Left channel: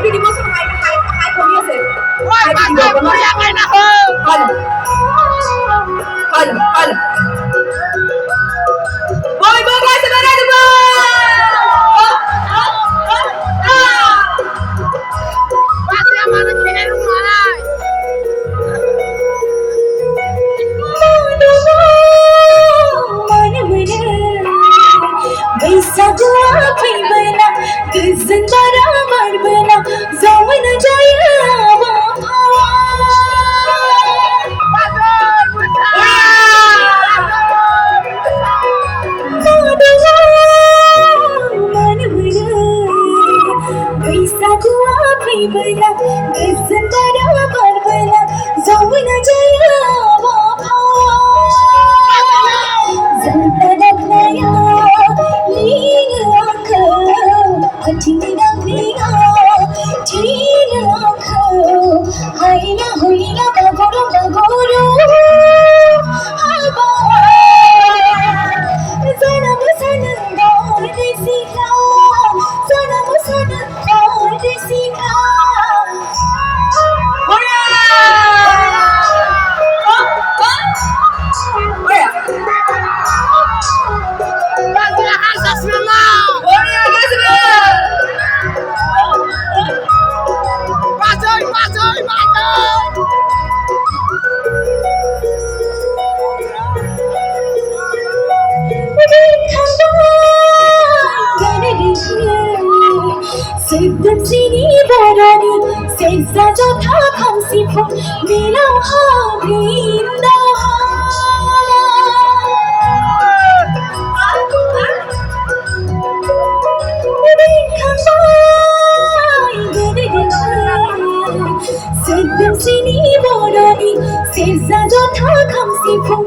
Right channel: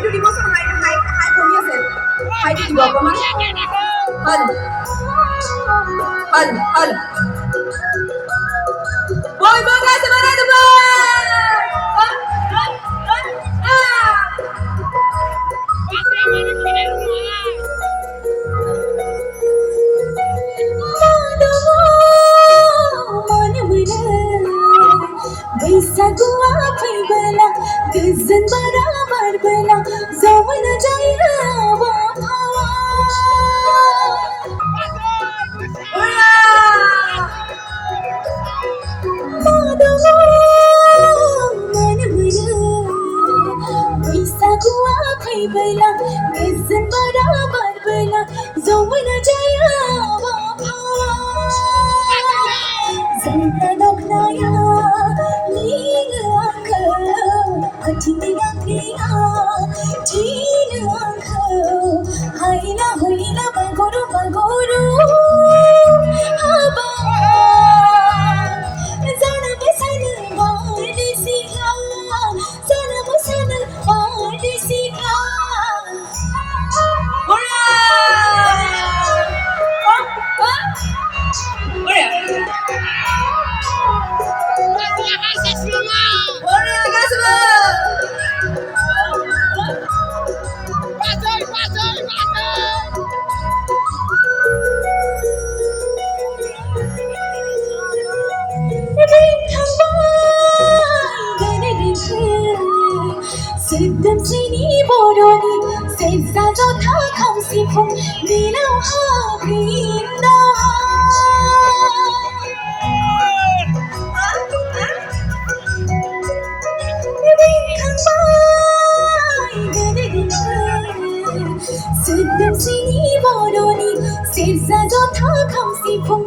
hai đi bớt hai hai hai không biết gì hai đi bớt con nói hân hân hân bơi bơi guys sebentar itu pasti aman di rumah bisa gua bina gizan baramar bina zaman jaya bisa gua bina gizan baramar bina zaman jaya Sedap sini berani Seza jatha khamsi phum Nilam habinda Sedap sini berani Seza jatha khamsi phum